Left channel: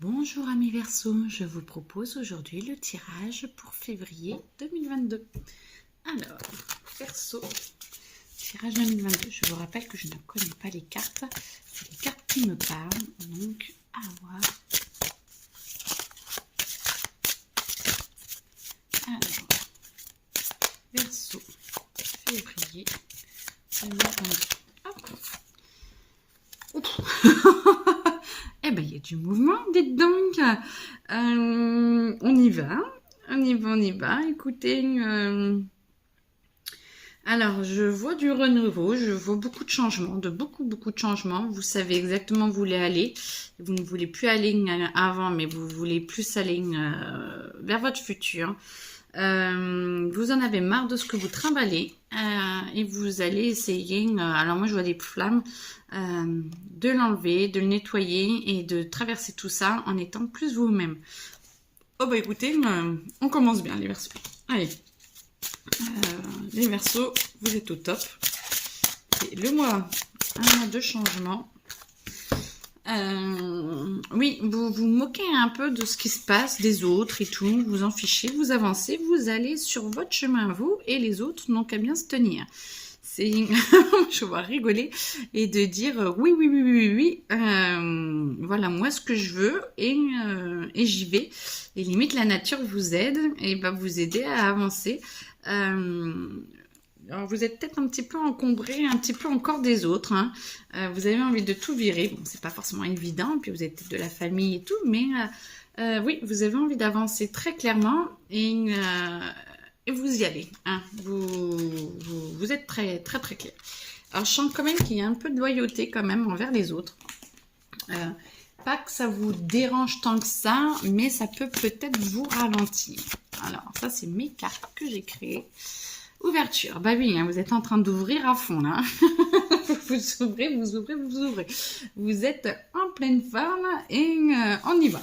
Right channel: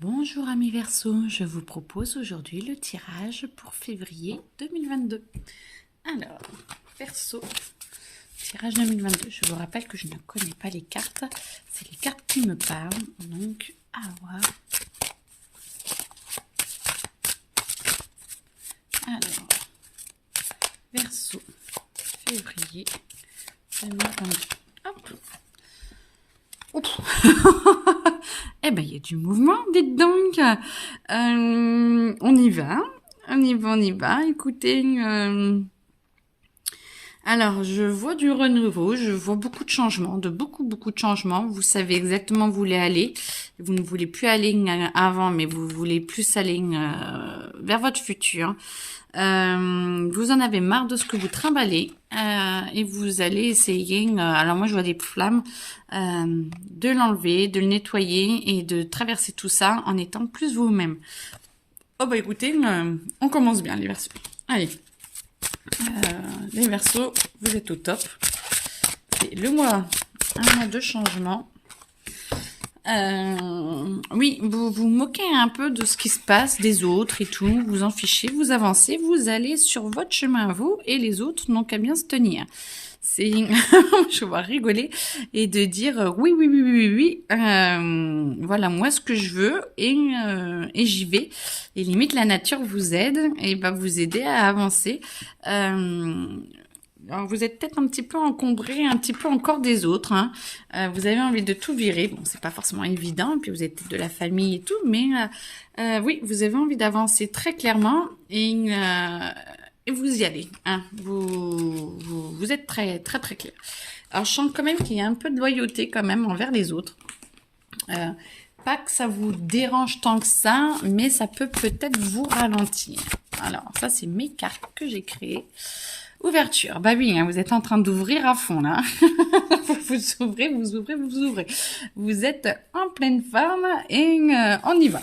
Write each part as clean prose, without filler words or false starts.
Bonjour amis Verseaux, je vous propose aujourd'hui le tirage pour février 2022. Alors, Verseau, tirage 2022. Je vous rappelle que je ne connais pas les cartes, c'est les cartes qui me parlent, donc à voir. Alors, Verseau, février 2022. Hop. Oups. Eh ben, il y a du mouvement, dites donc. On y va, on y va. Écoutez, alors je vois du renouveau, je vois beaucoup de changements, beaucoup de changements. Vous savez exactement où vous voulez aller. Vous ne voulez plus aller avant, mais vous voulez plus aller vers votre futur. Vous en avez marre de ce que vous trimballez et vous allez essayer, alors moi je vois des flammes, de l'enlever, de le nettoyer et de traverser tout ça en étant plus vous-même. Oh bah écoutez, on commence bien les Verseaux. Allez, les Verseaux, vous êtes au top. C'est le mois, un mois de changement. Oui, vous vous moquez un peu de ce qui se passe, des autres et tout, vous en fichez, vous avancez, vous allez sur votre chemin, vous, et les autres n'ont qu'à bien se tenir. C'est, je vais rigoler et de dire oui, voilà moi ce que je veux et j'y vais. Et limite la nature vous aide et va vous aider à avancer. Alors, vous êtes peut-être un petit peu encombré, un petit peu encore des autres. Hein. Vous avez envie de tout virer. Bon, c'est pas forcément évident, puis vous êtes de la famille et tout, mais oui, vous avez envie d'avancer très clairement et vous y allez. Hein. Vous êtes très clair. Alors, je sens quand même qu'il y a un peu de loyauté quand même envers les autres. Pas que ça vous dérange tant que ça, mais ça peut peut-être vous ralentir. Alors, ça, c'est mes cartes que j'ai créées. Ouverture, bah oui, hein, vous êtes en train d'ouvrir à fond là. Vous ouvrez. Vous êtes en pleine forme et on y va.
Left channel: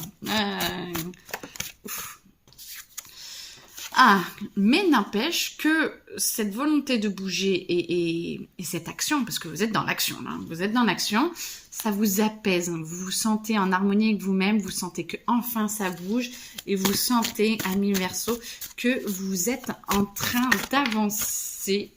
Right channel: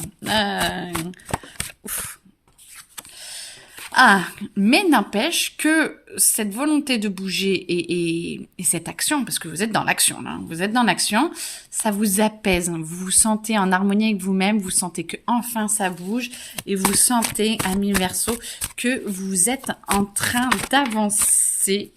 Mais n'empêche que cette volonté de bouger et cette action, parce que vous êtes dans l'action, là, vous êtes dans l'action, ça vous apaise. Vous vous sentez en harmonie avec vous-même, vous sentez que enfin ça bouge et vous sentez, amis Verseaux, que vous êtes en train d'avancer.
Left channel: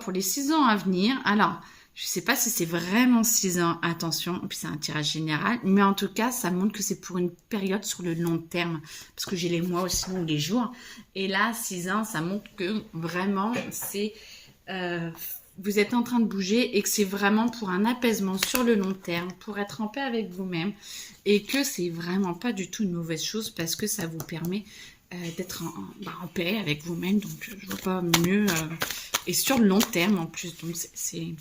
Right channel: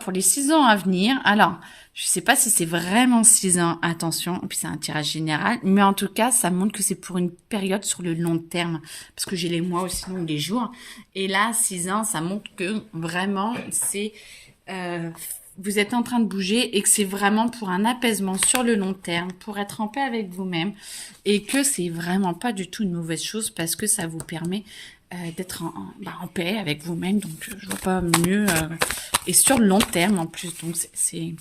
Pour les 6 ans à venir. Alors, je sais pas si c'est vraiment 6 ans, attention, et puis c'est un tirage général, mais en tout cas, ça montre que c'est pour une période sur le long terme, parce que j'ai les mois aussi, donc les jours, et là, 6 ans, ça montre que vraiment, c'est, vous êtes en train de bouger, et que c'est vraiment pour un apaisement sur le long terme, pour être en paix avec vous-même, et que c'est vraiment pas du tout une mauvaise chose, parce que ça vous permet d'être en paix avec vous-même, donc je vois pas mieux, et sur le long terme en plus, donc c'est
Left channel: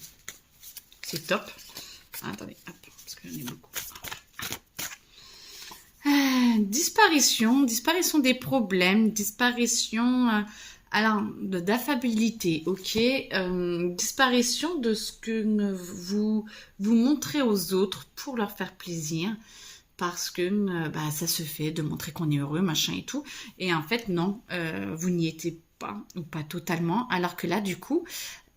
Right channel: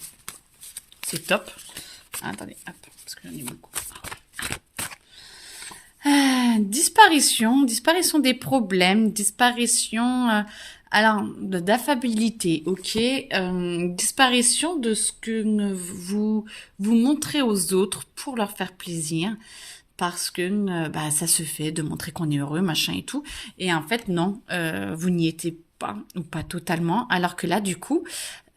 top. Attendez, hop, parce que j'en ai beaucoup. Disparition des problèmes, disparition d'affabilité, ok, disparition de ce que vous montrez aux autres pour leur faire plaisir, parce que ça se fait de montrer qu'on est heureux, machin et tout, et en fait non, vous n'y étiez pas, ou pas totalement, alors que là du coup,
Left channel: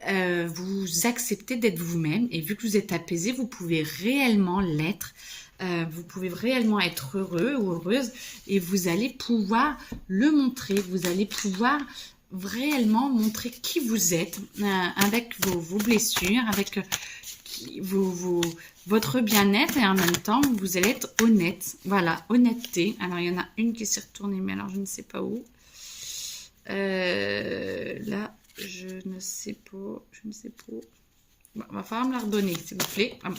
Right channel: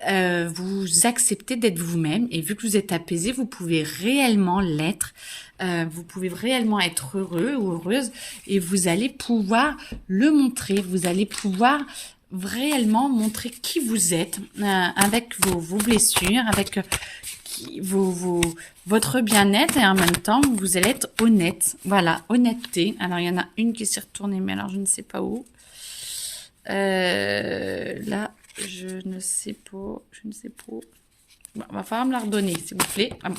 vous acceptez d'être vous-même et vu que vous êtes apaisé, vous pouvez réellement l'être. Vous pouvez réellement être heureux ou heureuse et vous allez pouvoir le montrer. Vous allez pouvoir réellement montrer qui vous êtes avec vos blessures, avec votre bien-être et en même temps, vous allez être honnête. Voilà, honnêteté. Alors, il y en a une qui s'est retournée, mais alors je ne sais pas où. Là, je ne sais pas. Bon, va falloir me la redonner, s'il vous plaît. Ah bon.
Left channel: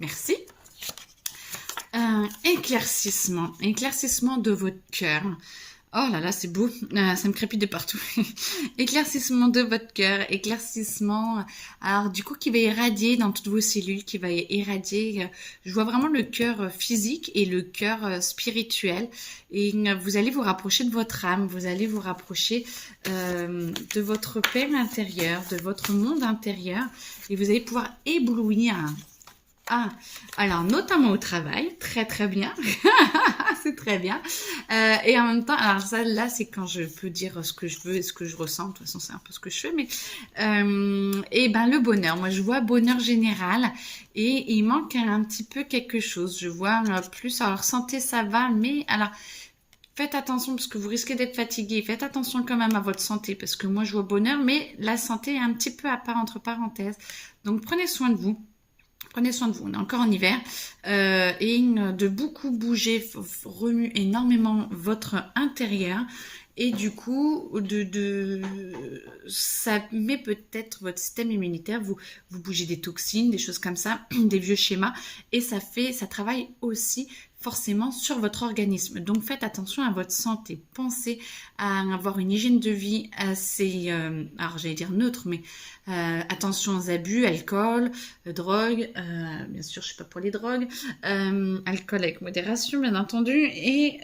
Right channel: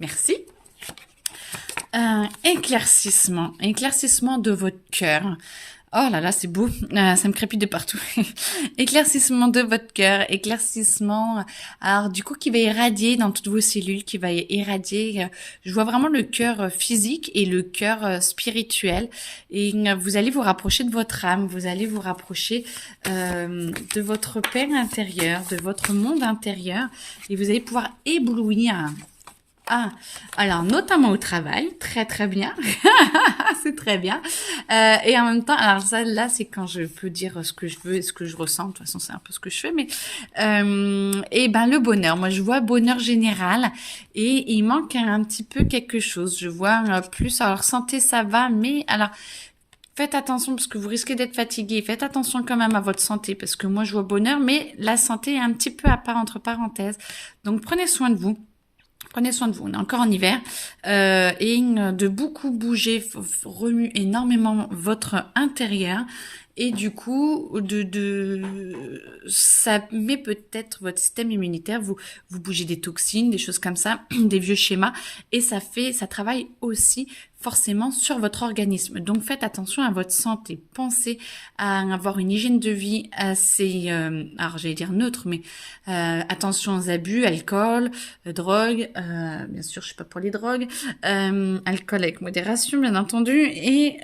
Merci. Éclaircissement de votre cœur. Oh là là, c'est beau, ça me crépite de partout. Éclaircissement de votre cœur, éclaircissement, alors du coup qui va irradier dans toutes vos cellules, qui va irradier, je vois vraiment le cœur physique et le cœur spirituel, et vous allez vous rapprocher de votre âme, vous allez vous rapprocher de votre paix intérieure, de votre monde intérieur, et vous allez pouvoir éblouir. Alors notamment au travail, très bien, C'est très bien. Et en même temps, alors ça, là, c'est quand je peux dire ce que je veux et ce que je ressens. De toute façon, c'est un peu ce que je fais. Mais et ben le bonheur. Moi, je vois bonheur général et il manque un petit peu quelque chose. Je vois plus. Alors santé, ça va, mais alors faites attention parce que vous risquez d'être fatigué. Faites attention quand même à votre santé parce que moi, je vois bonheur, mais la santé est un petit peu à part entre parenthèses. Donc prenez soin de vous. Prenez soin de vous, on est encore en hiver et de beaucoup bouger remue énormément votre intérieur et du coup ça met peut-être votre système immunitaire, vous bougez des toxines, des choses comme ça, des vieux schémas et ça travaille aussi forcément sur votre organisme. Donc faites attention à votre santé. Pensez à avoir une hygiène de vie assez, alors j'allais dire neutre, mais attention aux abus, alcool, drogue, bien sûr je suis pas pour les drogues, alcool avec modération bien entendu, et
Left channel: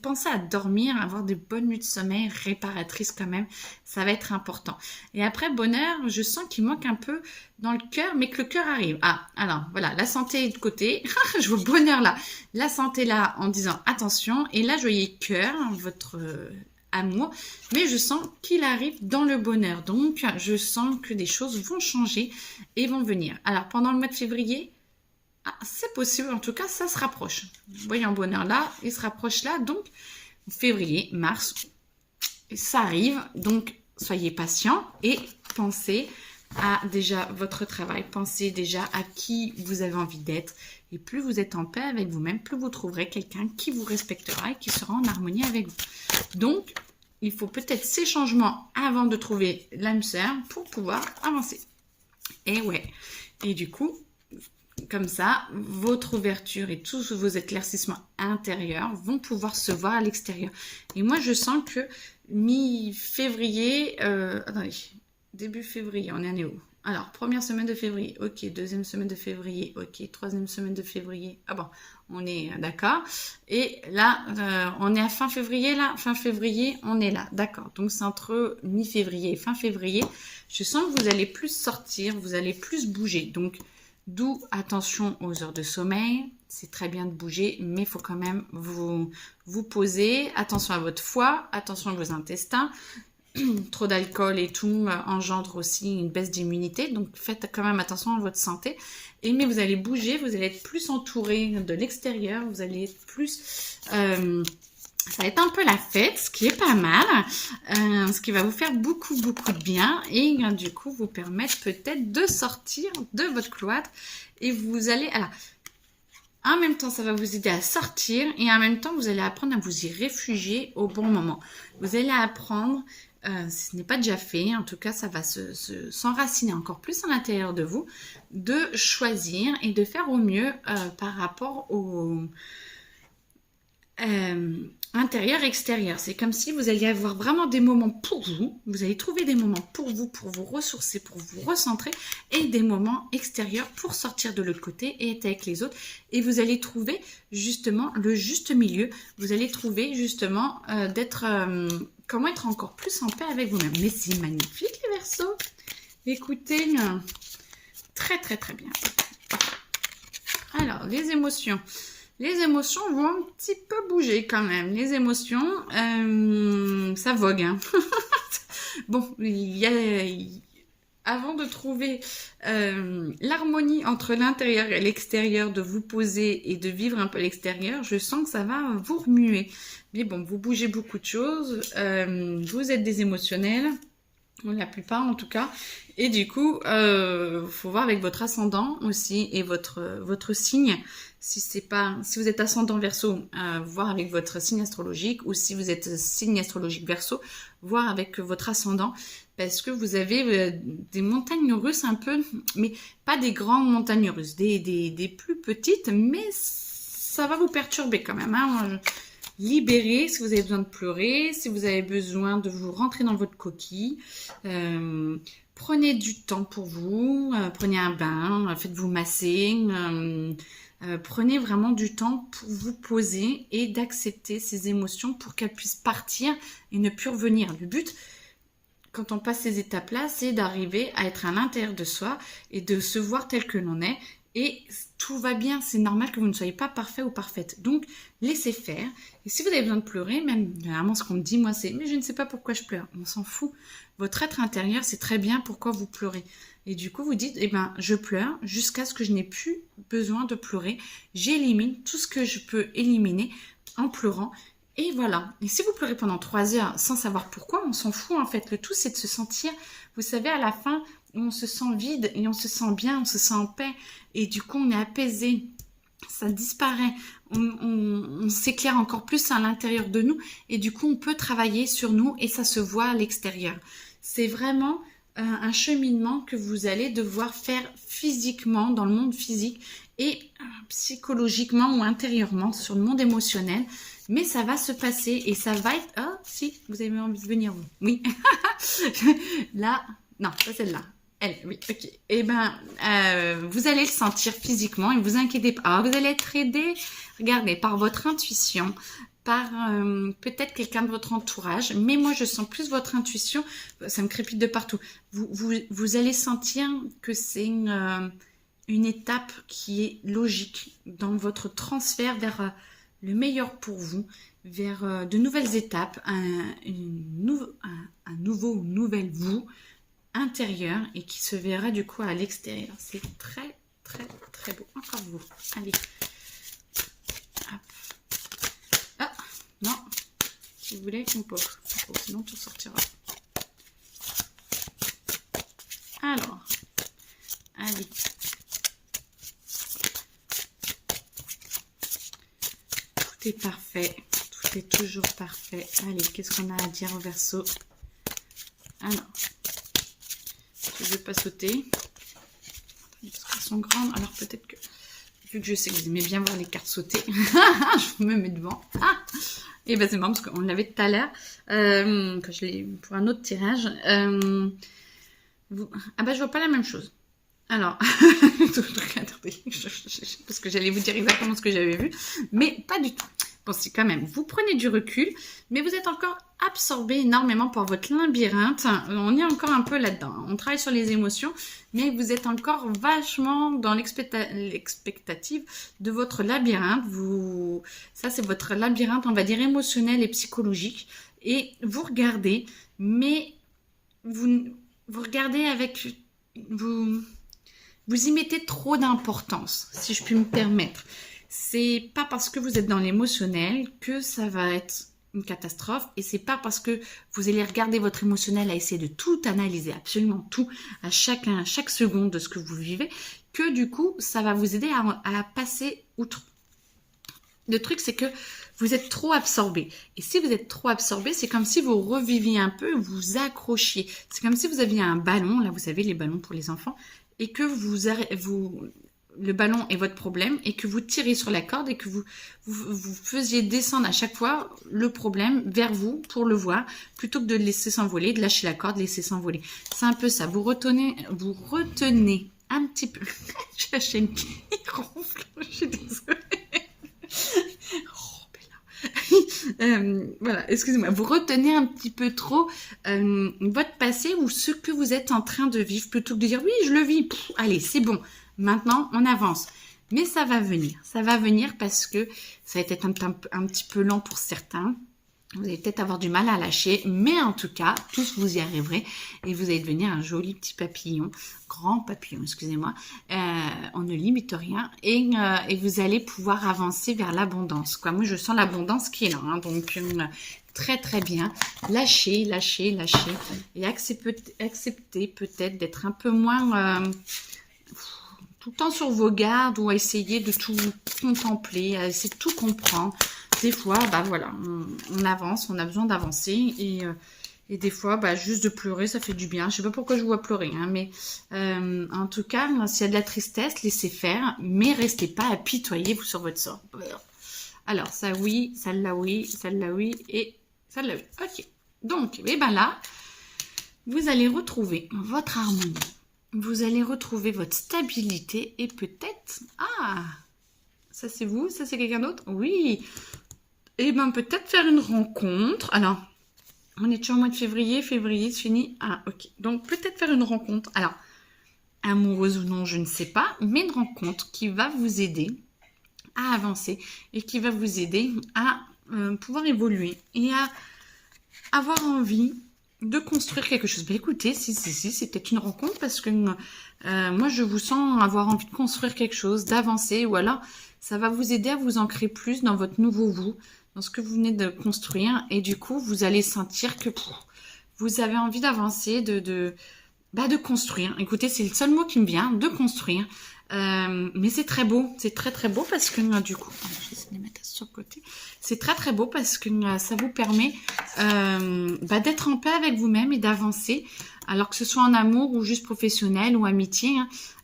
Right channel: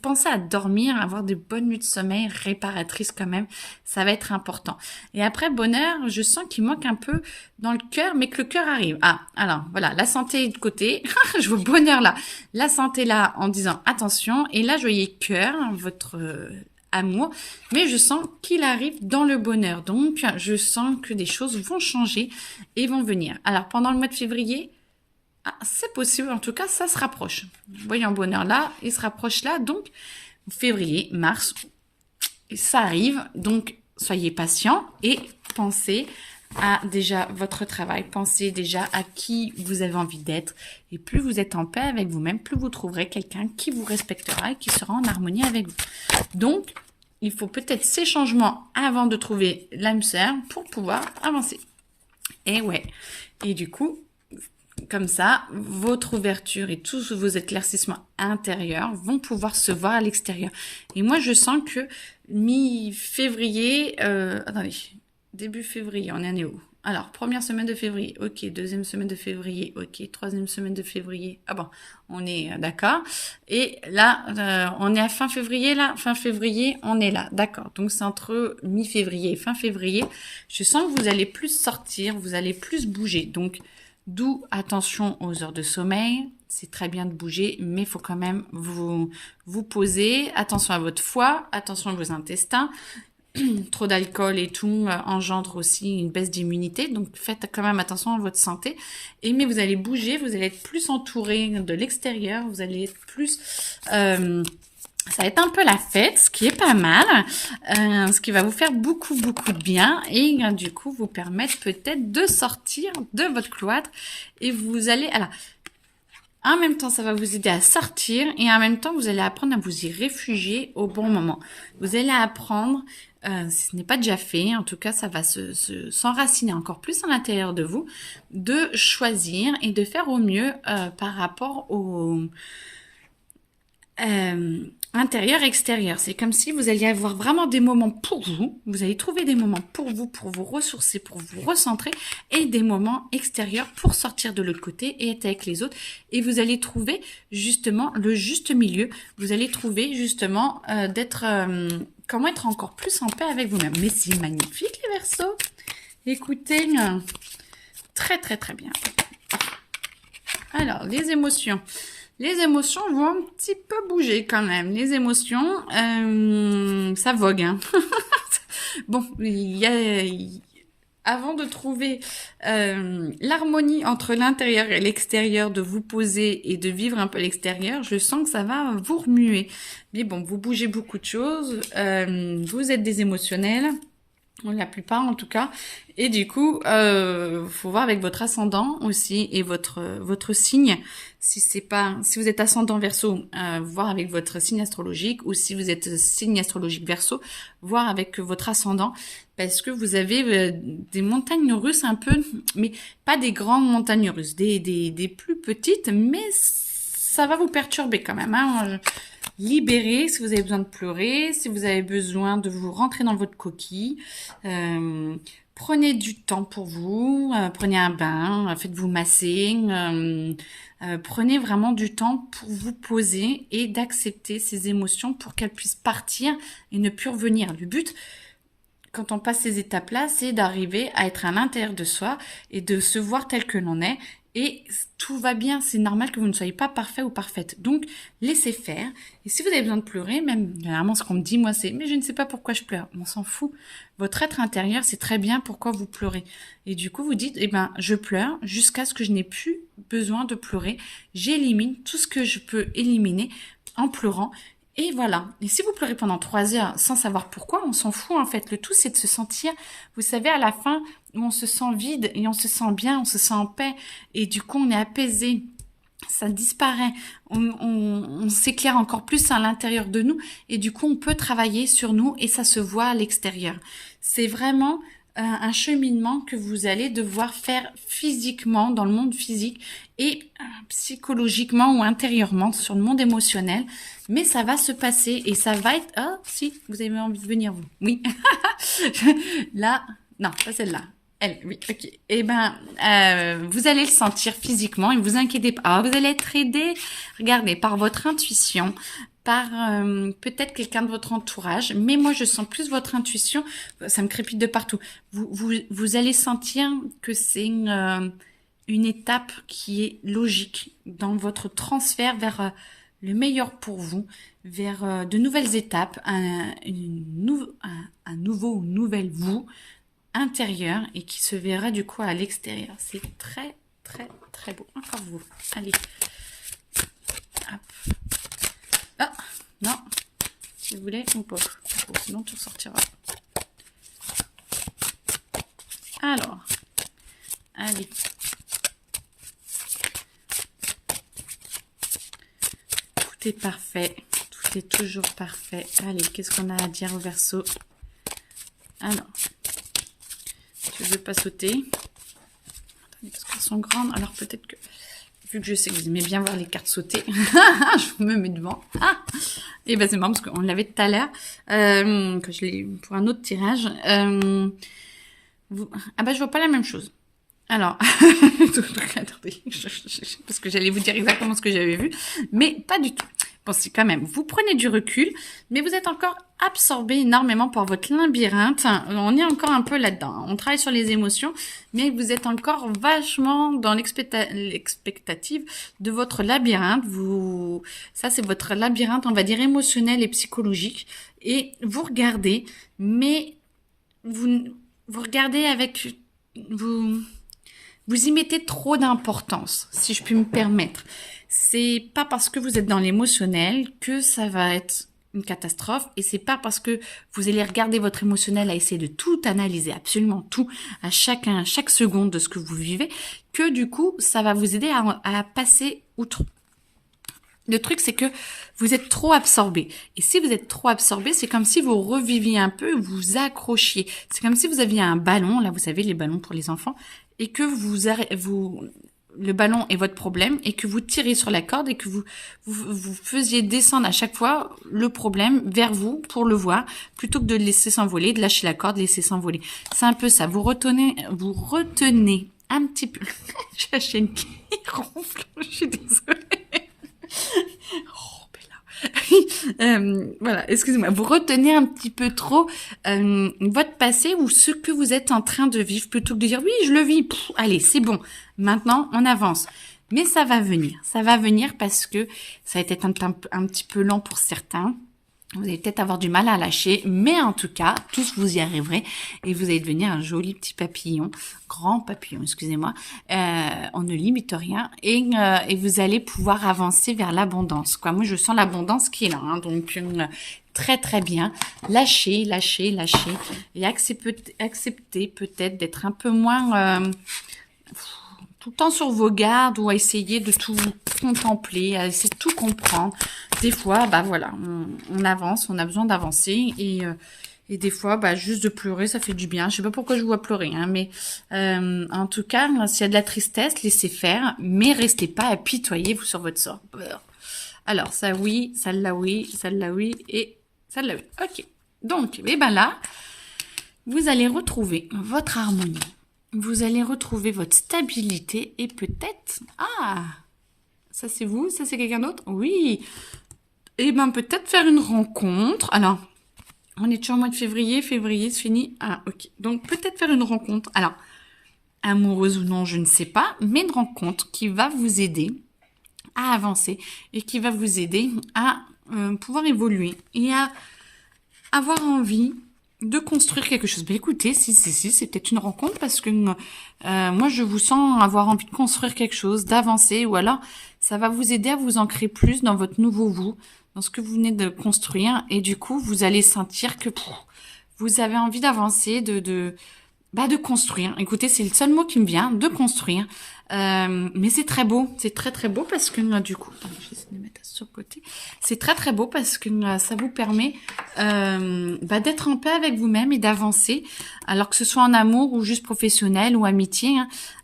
pensez à dormir, avoir des bonnes nuits de sommeil réparatrices quand même, ça va être important. Et après bonheur, je sens qu'il manque un peu dans le cœur, mais que le cœur arrive. Ah, alors voilà, la santé est de côté, je vois bonheur là, la santé là en disant attention, et là je voyais cœur, votre amour, mais je sens qu'il arrive dans le bonheur. Donc, je sens que des choses vont changer et vont venir. Alors, pendant le mois de février, c'est possible, en tout cas, ça se rapproche. Vous voyez en bonheur là, il se rapproche là, donc février, mars, ça arrive, donc soyez patient et pensez à déjà votre travail, pensez déjà à qui vous avez envie d'être et plus vous êtes en paix avec vous-même, plus vous trouverez quelqu'un qui vous respectera et qui sera en harmonie avec vous. Donc, il faut peut-être ces changements avant de trouver l'âme sœur pour pouvoir avancer. Et ouais, et du coup, comme ça, votre ouverture et tous vos éclaircissements intérieurs vont pouvoir se voir à l'extérieur. Et moi, je sens que mi-février, attendez, début février, on en est où? Alors, première semaine de février, ok. Deuxième semaine de février, ok. Troisième semaine de février, ah bon, on est d'accord. Et là, on est à fin février, là. Fin février, on est là, d'accord. Donc, c'est entre mi-février et fin février. Je sens que vous allez plus sortir, vous allez plus bouger. Donc, d'où attention aux heures de sommeil. C'est très bien de bouger, mais il faut quand même vous poser. Attention à votre foie, attention à vos intestins. Trop d'alcool et tout engendre aussi une baisse d'immunité. Donc, faites quand même attention à votre santé. Mais vous allez bouger, vous allez être plus entouré de l'extérieur. Vous allez être plus... ça va être un peu la fête, ce qui est pas mal. Ce qui va vous faire beaucoup, beaucoup de bien. Et du coup, vous permettre peut-être de sortir de votre cloître. Et vous allez... Alors, en même temps, ça va vous aider à sortir. Et en même temps, vous allez apprendre à vous y réfugier au bon moment. Vous allez apprendre... si ce n'est pas déjà fait, en tout cas, ça va s'enraciner encore plus à l'intérieur de vous, de choisir et de faire au mieux par rapport au intérieur-extérieur. C'est comme si vous alliez avoir vraiment des moments pour vous. Vous allez trouver des moments pour vous ressourcer, pour vous recentrer, et des moments extérieurs pour sortir de l'autre côté et être avec les autres. Et vous allez trouver justement le juste milieu. Vous allez trouver justement comment être encore plus en paix avec vous-même. Mais c'est magnifique les Verseaux. Écoutez, très très très bien. Alors, les émotions. Les émotions vont un petit peu bouger quand même. Les émotions, ça vogue. Hein. Bon, avant de trouver l'harmonie entre l'intérieur et l'extérieur, de vous poser et de vivre un peu l'extérieur, je sens que ça va vous remuer. Mais bon, vous bougez beaucoup de choses, vous êtes des émotionnels, la plupart en tout cas, et du coup, faut voir avec votre ascendant aussi et votre signe. Si vous êtes ascendant Verseau, voir avec votre signe astrologique, ou si vous êtes signe astrologique Verseau, voir avec votre ascendant, parce que vous avez des montagnes russes un peu, mais pas des grandes montagnes russes, des plus petites, mais ça va vous perturber quand même. Hein. Libérez si vous avez besoin de pleurer, si vous avez besoin de vous rentrer dans votre coquille. Prenez du temps pour vous, prenez un bain, faites-vous masser. Prenez vraiment du temps pour vous poser et d'accepter ces émotions pour qu'elles puissent partir et ne plus revenir. Le but, quand on passe ces étapes-là, c'est d'arriver à être à l'intérieur de soi et de se voir tel que l'on est et tout va bien. C'est normal que vous ne soyez pas parfait ou parfaite. Donc, laissez faire. Et si vous avez besoin de pleurer, même généralement ce qu'on me dit, moi, c'est mais je ne sais pas pourquoi je pleure. On s'en fout. Votre être intérieur, c'est très bien pourquoi vous pleurez. Et du coup, vous dites, eh ben, je pleure jusqu'à ce que je n'ai plus besoin de pleurer. J'élimine tout ce que je peux éliminer en pleurant. Et voilà. Et si vous pleurez pendant 3 heures sans savoir pourquoi, on s'en fout en fait. Le tout, c'est de se sentir, vous savez, à la fin, où on se sent vide et on se sent bien, on se sent en paix. Et du coup, on est apaisé. Ça disparaît. On s'éclaire encore plus à l'intérieur de nous. Et du coup, on peut travailler sur nous et ça se voit à l'extérieur. C'est vraiment un cheminement que vous allez devoir faire physiquement, dans le monde physique et psychologiquement ou intérieurement sur le monde émotionnel. Mais ça va se passer et ça va être... Ah, si, vous avez envie de venir, vous. Oui. Là, non, pas celle-là. Elle, oui, ok. Eh ben, vous allez le sentir physiquement et ne vous inquiétez pas. Alors, vous allez être aidé, regardez, par votre intuition, par peut-être quelqu'un de votre entourage. Mais moi, je sens plus votre intuition. Ça me crépite de partout. Vous allez sentir que c'est une étape qui est logique dans votre transfert vers le meilleur pour vous, vers de nouvelles étapes, un nouveau, nouvelle vous intérieur et qui se verra du coup à l'extérieur. C'est très, très, très beau. Encore vous. Allez. Hop. Ah, non. Si vous voulez, on pose. Sinon, tout sortira. Alors. Allez. Tout est parfait. Tout est toujours parfait. Allez, qu'est-ce qu'on a à dire au Verseau? Ah non. Je ne vais pas sauter. Parce qu'elles sont grandes. Alors peut-être que... Vu que je sais que vous aimez bien voir les cartes sauter, je me mets devant. Ah, et ben c'est marrant parce qu'on l'avait tout à l'heure. Que je l'ai pour un autre tirage. Ah bah je vois pas la même chose. Alors, attendez, parce que j'allais vous dire exactement ce que j'avais vu, mais pas du tout. Bon, c'est quand même, vous prenez du recul, mais vous êtes encore absorbé énormément par votre labyrinthe. On est encore un peu là-dedans. On travaille sur les émotions, mais vous êtes encore vachement dans l'expectative de votre labyrinthe. Ça, c'est votre labyrinthe, on va dire, émotionnel et psychologique. Et vous regardez, mais vous regardez avec... Vous y mettez trop d'importance, si je puis me permettre. C'est pas parce que vous êtes dans l'émotionnel que ça va être une catastrophe et c'est pas parce que vous allez regarder votre émotionnel à essayer de tout analyser, absolument tout, à chaque seconde de ce que vous vivez, que du coup, ça va vous aider à passer outre. Le truc, c'est que vous êtes trop absorbé. Et si vous êtes trop absorbé, c'est comme si vous reviviez un peu, vous accrochiez. C'est comme si vous aviez un ballon, là, vous savez, les ballons pour les enfants, et que le ballon est votre problème, et que vous tirez sur la corde, et que vous faisiez descendre à chaque fois le problème vers vous pour le voir, plutôt que de le laisser s'envoler, de lâcher la corde, laisser s'envoler. C'est un peu ça. Vous retenez un petit peu. J'ai la chaîne qui ronfle, je suis désolée. Oh, voilà, excusez-moi, vous retenez un petit peu trop votre passé ou ce que vous êtes en train de vivre plutôt que de dire oui, je le vis, allez, c'est bon, maintenant on avance. Mais ça va venir parce que ça a été un petit peu lent pour certains. Vous allez peut-être avoir du mal à lâcher, mais en tout cas, tous vous y arriverez et vous allez devenir un joli petit papillon, grand papillon, excusez-moi. On ne limite rien et vous allez pouvoir avancer vers l'abondance. Moi, je sens l'abondance qui est là, hein, donc très très bien. Lâchez et acceptez peut-être d'être un peu moins tout le temps sur vos gardes ou à essayer de tout contempler, à essayer de tout comprendre. Des fois, bah voilà, on avance, on a besoin d'avancer et des fois, bah juste de pleurer, ça fait du bien. Je sais pas pourquoi je vous vois pleurer, hein, mais en tout cas, s'il y a de la tristesse, laissez faire, mais restez pas apitoyez-vous sur votre sort. Alors, ça oui, celle-là oui, celle-là oui et celle-là oui. Ok. Donc, et ben là, vous allez retrouver votre harmonie. Vous allez retrouver votre stabilité et peut-être... Ah, ça c'est vous? Ça c'est quelqu'un d'autre? Oui. Et bien peut-être faire une rencontre. Alors, on est toujours au mois de février. Février, c'est fini. Ah, ok. Donc peut-être faire une rencontre. Alors, amoureuse ou non, je ne sais pas, mais une rencontre qui va vous aider à avancer et qui va vous aider à pouvoir évoluer et à avoir envie de construire quelque chose. Ben écoutez, si, c'est peut-être une rencontre parce que moi, je vous sens avoir envie de construire quelque chose, d'avancer, ou alors ça va vous aider à vous ancrer plus dans votre nouveau vous, dans ce que vous venez de construire, et du coup, vous allez sentir que vous avez envie d'avancer, de construire. Écoutez, c'est le seul mot qui me vient, de construire. Mais c'est très beau, c'est très très beau parce que du coup, attends, je vais essayer de les mettre sur le côté. C'est très très beau parce que ça vous permet d'être en paix avec vous-même et d'avancer, alors que ce soit en amour ou juste professionnel ou amitié.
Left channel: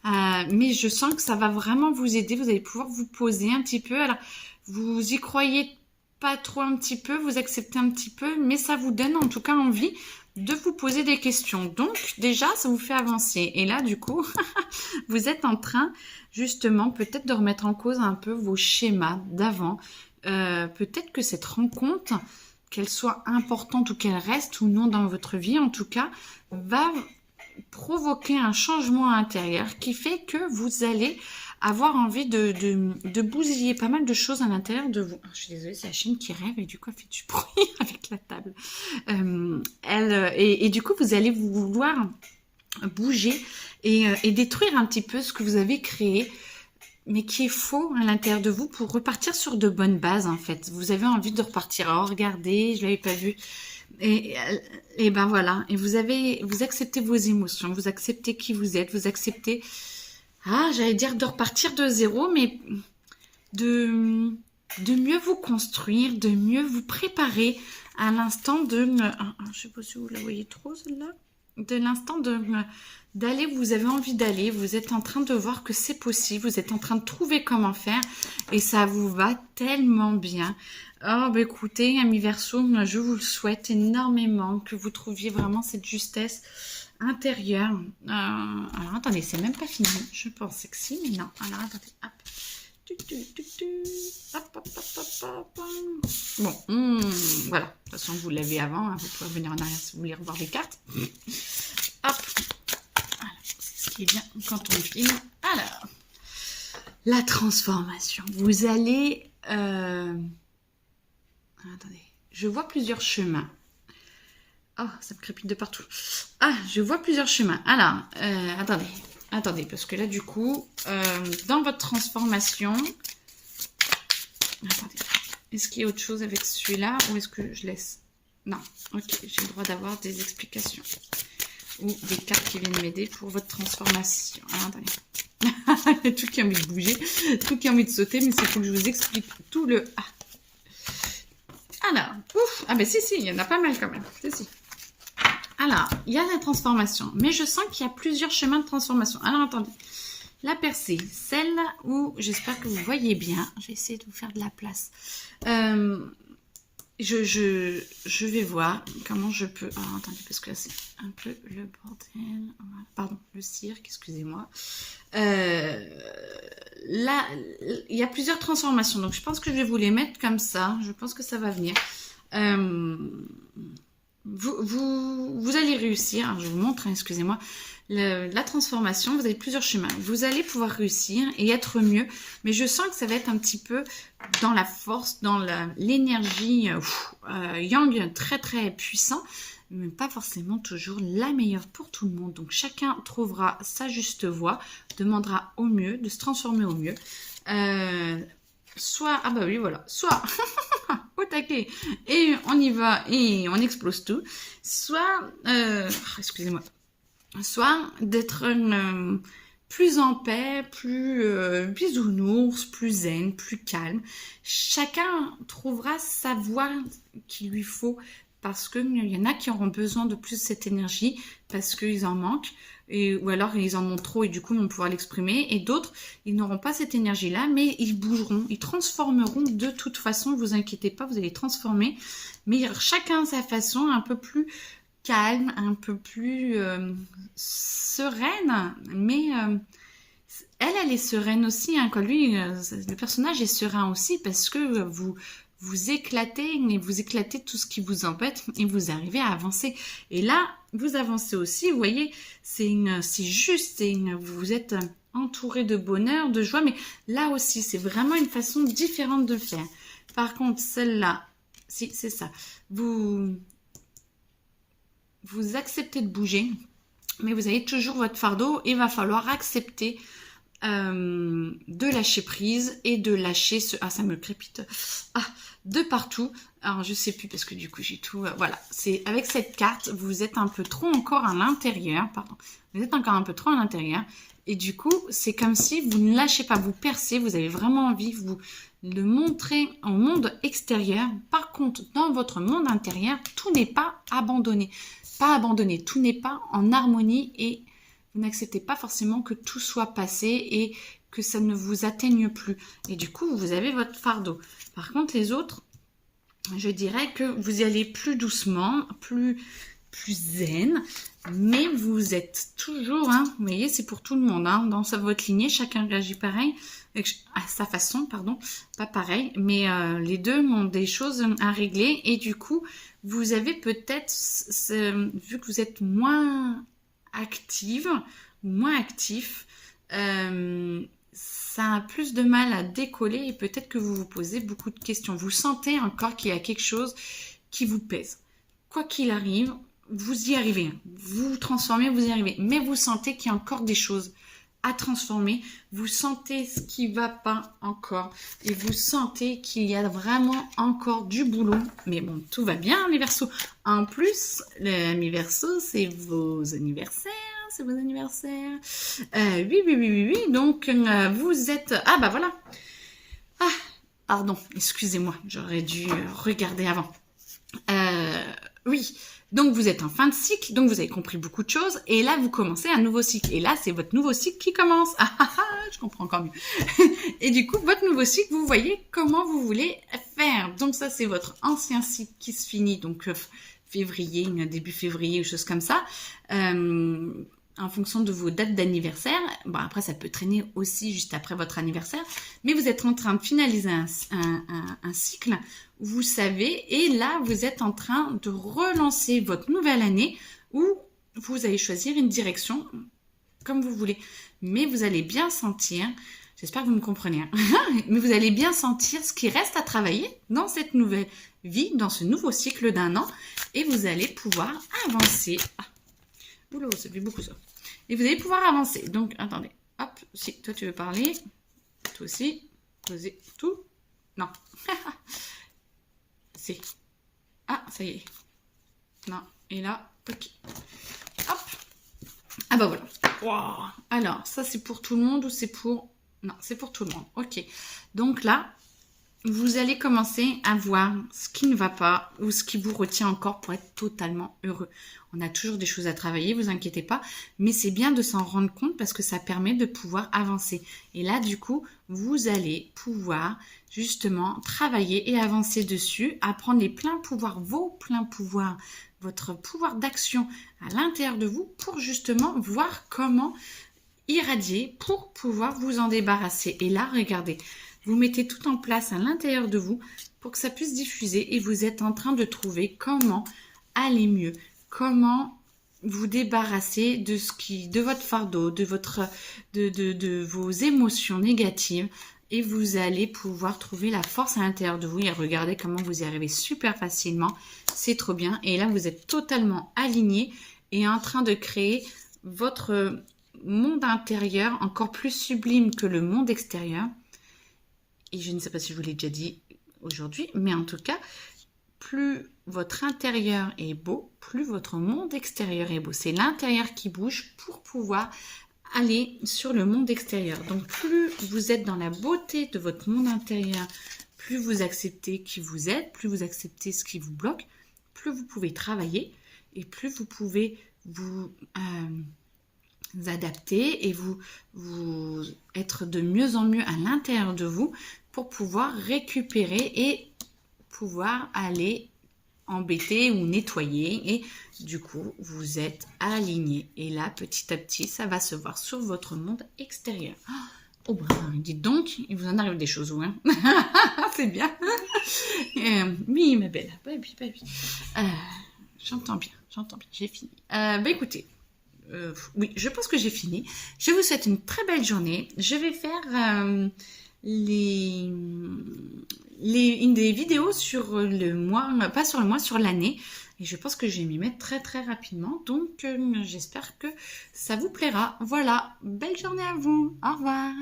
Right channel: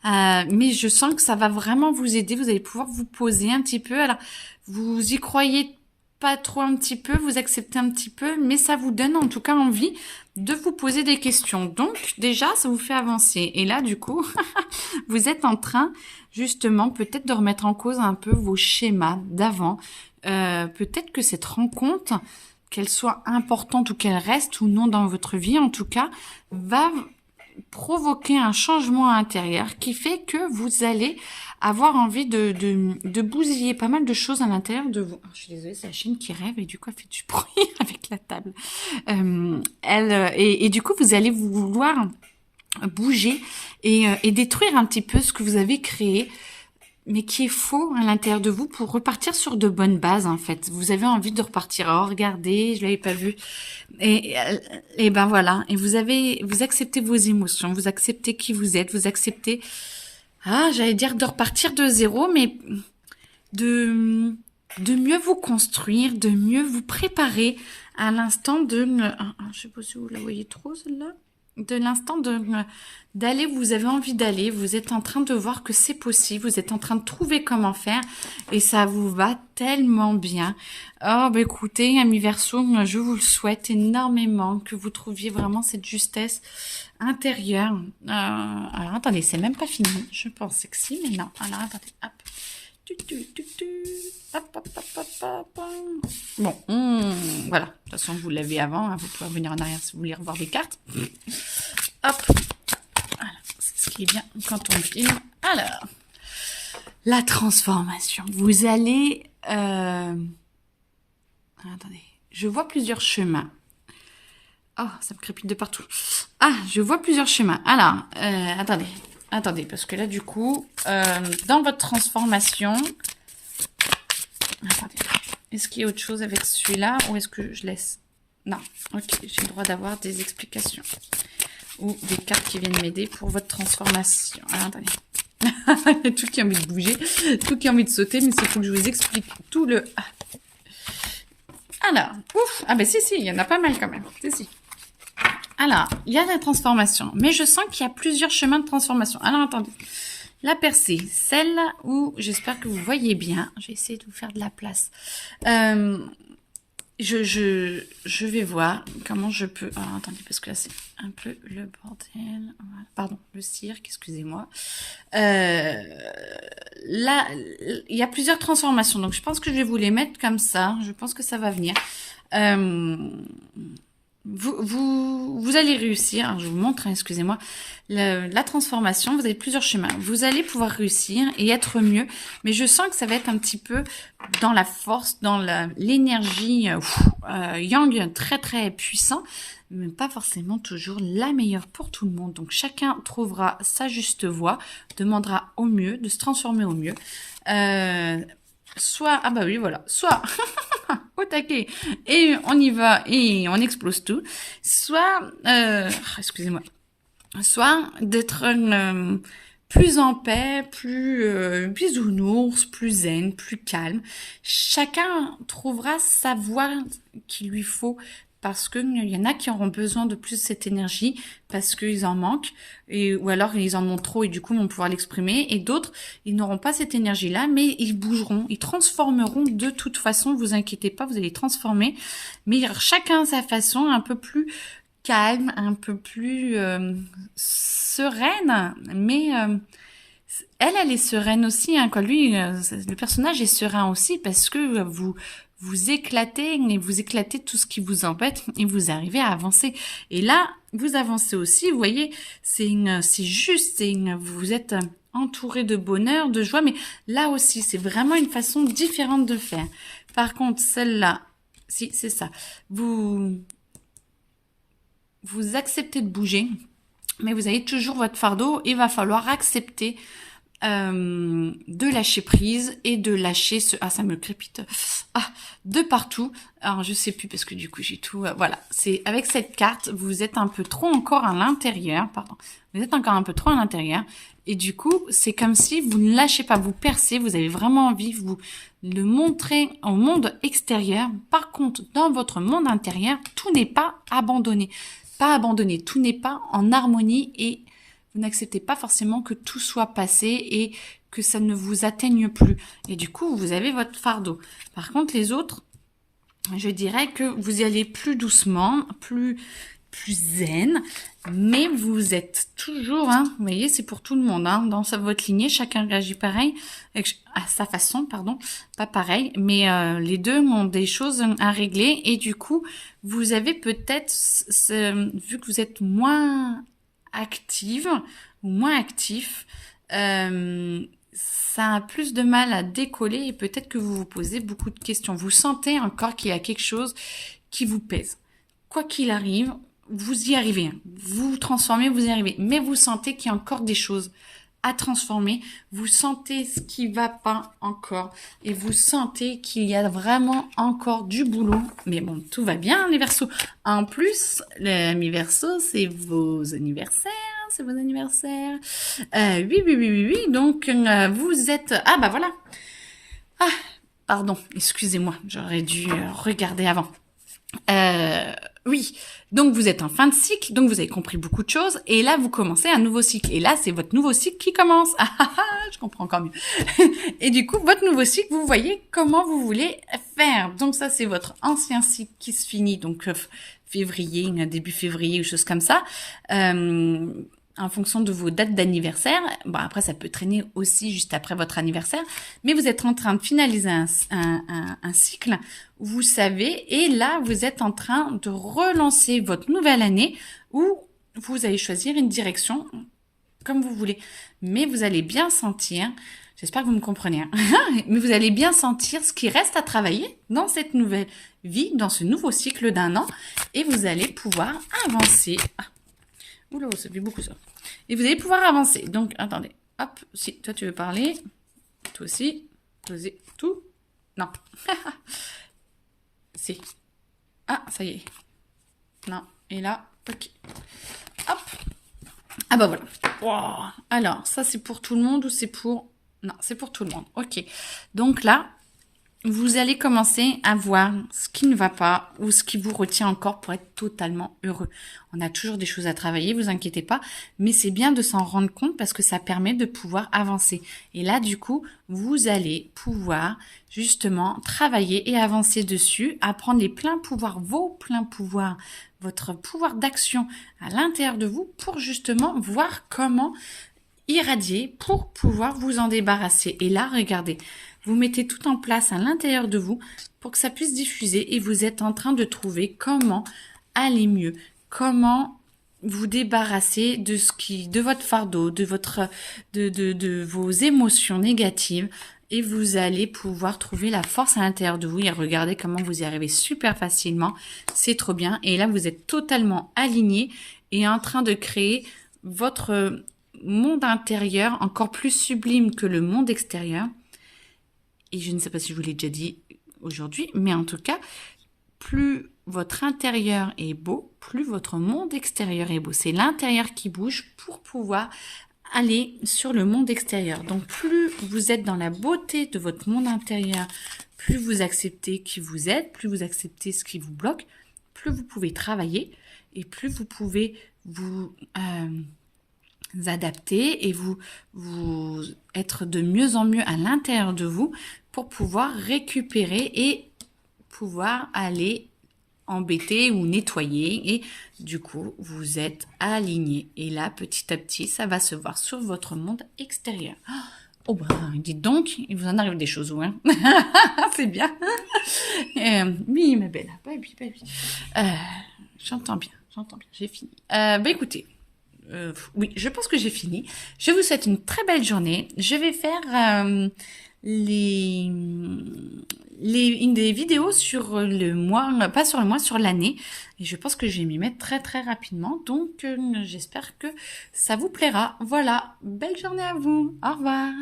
Hein. Mais je sens que ça va vraiment vous aider. Vous allez pouvoir vous poser un petit peu. Alors, vous y croyez pas trop un petit peu, vous acceptez un petit peu, mais ça vous donne en tout cas envie de vous poser des questions. Donc déjà, ça vous fait avancer. Et là, du coup, vous êtes en train justement peut-être de remettre en cause un peu vos schémas d'avant. Peut-être que cette rencontre, qu'elle soit importante ou qu'elle reste ou non dans votre vie, en tout cas, va provoquer un changement intérieur qui fait que vous allez avoir envie de bousiller pas mal de choses à l'intérieur de vous. Oh, je suis désolée, c'est la chienne qui rêve et du coup elle fait du bruit avec la table. Et du coup vous allez vouloir bouger et détruire un petit peu ce que vous avez créé, mais qui est faux à l'intérieur de vous pour repartir sur de bonnes bases en fait. Vous avez envie de repartir. Oh, regardez, je l'avais pas vu. Et ben voilà. Et vous acceptez vos émotions, vous acceptez qui vous êtes, vous acceptez, j'allais dire de repartir de zéro, mais de mieux vous construire, de mieux vous préparer à l'instant je sais pas si vous la voyez trop celle-là, de l'instant d'aller où vous avez envie d'aller, vous êtes en train de voir que c'est possible, vous êtes en train de trouver comment faire et ça vous va tellement bien. Oh, bah écoutez, amis Verseau, je vous le souhaite énormément, que vous trouviez vraiment cette justesse intérieure. Alors attendez, c'est même pas fini, je pensais que si, mais non. Alors attendez, hop. Hop, hop, hop, hop, hop. Bon, voilà. De toute façon, vous l'avez avant. Hein, vous pouvez revenir en arrière si vous voulez revoir les cartes. Hop. Voilà. C'est ce qui est bien quand on filme. Alors, la transformation. Vous allez... Attendez. Je vois plusieurs chemins. Oh, ça me crépite de partout. Je vois plusieurs chemins. Alors, attendez, parce que là, du coup, dans votre transformation... Attendez, est-ce qu'il y a autre chose avec celui-là ou est-ce que je laisse? Non, ok, j'ai le droit d'avoir des explications ou des cartes qui viennent m'aider pour votre transformation. Alors, attendez. Il y a tout qui a envie de bouger, tout qui a envie de sauter, mais c'est faut que je vous explique tout le... Alors, ouf, ben si, il y en a pas mal quand même, si. Alors, il y a la transformation, mais je sens qu'il y a plusieurs chemins de transformation. Alors, attendez. La percée, celle où j'espère que vous voyez bien. Je vais essayer de vous faire de la place. Je vais voir comment je peux... Alors, attendez, parce que là, c'est un peu le bordel. Pardon, le cirque, excusez-moi. Là, il y a plusieurs transformations. Donc, je pense que je vais vous les mettre comme ça. Je pense que ça va venir. Vous allez réussir, alors je vous montre, excusez-moi, la transformation, vous avez plusieurs chemins. Vous allez pouvoir réussir et être mieux, mais je sens que ça va être un petit peu dans la force, dans l'énergie yang très très puissant, mais pas forcément toujours la meilleure pour tout le monde. Donc chacun trouvera sa juste voie, demandera au mieux, de se transformer au mieux. Soit, soit au taquet et on y va et on explose tout, soit, excusez-moi, soit d'être plus en paix, plus bisounours, plus zen, plus calme. Chacun trouvera sa voie qu'il lui faut, parce qu'il y en a qui auront besoin de plus de cette énergie parce qu'ils en manquent, ou alors ils en ont trop et du coup vont pouvoir l'exprimer, et d'autres, ils n'auront pas cette énergie-là, mais ils bougeront, ils transformeront de toute façon, vous inquiétez pas, vous allez transformer, mais chacun à sa façon, un peu plus calme, un peu plus sereine, mais elle est sereine aussi, hein, quand lui, le personnage est serein aussi, parce que vous éclatez tout ce qui vous embête et vous arrivez à avancer. Et là, vous avancez aussi. Vous voyez, c'est juste, vous êtes entouré de bonheur, de joie, mais là aussi, c'est vraiment une façon différente de faire. Par contre, celle-là, si, c'est ça. Vous acceptez de bouger, mais vous avez toujours votre fardeau. Il va falloir accepter de lâcher prise et de lâcher ce... Ah, ça me crépite. Ah, de partout. Alors, je sais plus parce que du coup, j'ai tout... voilà. C'est avec cette carte, vous êtes un peu trop encore à l'intérieur. Pardon. Vous êtes encore un peu trop à l'intérieur. Et du coup, c'est comme si vous ne lâchez pas, vous percez. Vous avez vraiment envie de vous le montrer au monde extérieur. Par contre, dans votre monde intérieur, tout n'est pas abandonné. Pas abandonné. Tout n'est pas en harmonie et vous n'acceptez pas forcément que tout soit passé et que ça ne vous atteigne plus. Et du coup, vous avez votre fardeau. Par contre, les autres, je dirais que vous y allez plus doucement, plus zen, mais vous êtes toujours, hein, vous voyez, c'est pour tout le monde, hein, dans votre lignée, chacun réagit pareil, à sa façon, pardon, pas pareil, mais les deux ont des choses à régler et du coup, vous avez peut-être, vu que vous êtes moins active ou moins actif, ça a plus de mal à décoller et peut-être que vous vous posez beaucoup de questions. Vous sentez encore qu'il y a quelque chose qui vous pèse. Quoi qu'il arrive, vous y arrivez. Vous vous transformez, vous y arrivez. Mais vous sentez qu'il y a encore des choses à transformer. Vous sentez ce qui va pas encore. Et vous sentez qu'il y a vraiment encore du boulot. Mais bon, tout va bien, les Verseaux. En plus, mes Verseaux, c'est vos anniversaires. C'est vos anniversaires. Oui. Donc, vous êtes... Ah, bah voilà. Ah, pardon. Excusez-moi. J'aurais dû regarder avant. Oui, donc vous êtes en fin de cycle, donc vous avez compris beaucoup de choses, et là vous commencez un nouveau cycle, et là c'est votre nouveau cycle qui commence. Je comprends encore mieux. Et du coup, votre nouveau cycle, vous voyez comment vous voulez faire. Donc ça c'est votre ancien cycle qui se finit, donc février, début février ou chose comme ça. En fonction de vos dates d'anniversaire. Bon, après, ça peut traîner aussi juste après votre anniversaire. Mais vous êtes en train de finaliser un cycle, vous savez, et là, vous êtes en train de relancer votre nouvelle année où vous allez choisir une direction comme vous voulez. Mais vous allez bien sentir, j'espère que vous me comprenez, hein, mais vous allez bien sentir ce qui reste à travailler dans cette nouvelle vie, dans ce nouveau cycle d'un an, et vous allez pouvoir avancer. Oula, ça fait beaucoup ça. Et vous allez pouvoir avancer. Donc, attendez. Hop, si toi tu veux parler. Toi aussi. Posez tout. Non. Si. Ah, ça y est. Non. Et là, ok. Hop. Ah bah voilà. Wow. Alors, ça c'est pour tout le monde ou c'est pour... Non, c'est pour tout le monde. Ok. Donc là, vous allez commencer à voir ce qui ne va pas ou ce qui vous retient encore pour être totalement heureux. On a toujours des choses à travailler, vous inquiétez pas, mais c'est bien de s'en rendre compte parce que ça permet de pouvoir avancer. Et là, du coup, vous allez pouvoir justement travailler et avancer dessus, apprendre les pleins pouvoirs, vos pleins pouvoirs, votre pouvoir d'action à l'intérieur de vous pour justement voir comment irradier pour pouvoir vous en débarrasser. Et là, regardez, vous mettez tout en place à l'intérieur de vous pour que ça puisse diffuser et vous êtes en train de trouver comment aller mieux, comment vous débarrasser de votre fardeau, de vos émotions négatives et vous allez pouvoir trouver la force à l'intérieur de vous et regardez comment vous y arrivez super facilement. C'est trop bien. Et là, vous êtes totalement aligné et en train de créer votre monde intérieur encore plus sublime que le monde extérieur. Et je ne sais pas si je vous l'ai déjà dit aujourd'hui, mais en tout cas, plus votre intérieur est beau, plus votre monde extérieur est beau. C'est l'intérieur qui bouge pour pouvoir aller sur le monde extérieur. Donc, plus vous êtes dans la beauté de votre monde intérieur, plus vous acceptez qui vous êtes, plus vous acceptez ce qui vous bloque, plus vous pouvez travailler et plus vous pouvez vous adapter et vous être de mieux en mieux à l'intérieur de vous pour pouvoir récupérer et pouvoir aller embêter ou nettoyer et du coup vous êtes aligné et là petit à petit ça va se voir sur votre monde extérieur. Oh bah dites donc, il vous en arrive des choses où hein. C'est bien. Oui ma belle, j'entends bien. j'entends bien, j'ai fini. Écoutez, oui, je pense que j'ai fini. Je vous souhaite une très belle journée. Je vais faire les, des vidéos sur le mois, pas sur le mois, sur l'année. Et je pense que je vais m'y mettre très très rapidement. Donc j'espère que ça vous plaira. Voilà, belle journée à vous. Au revoir.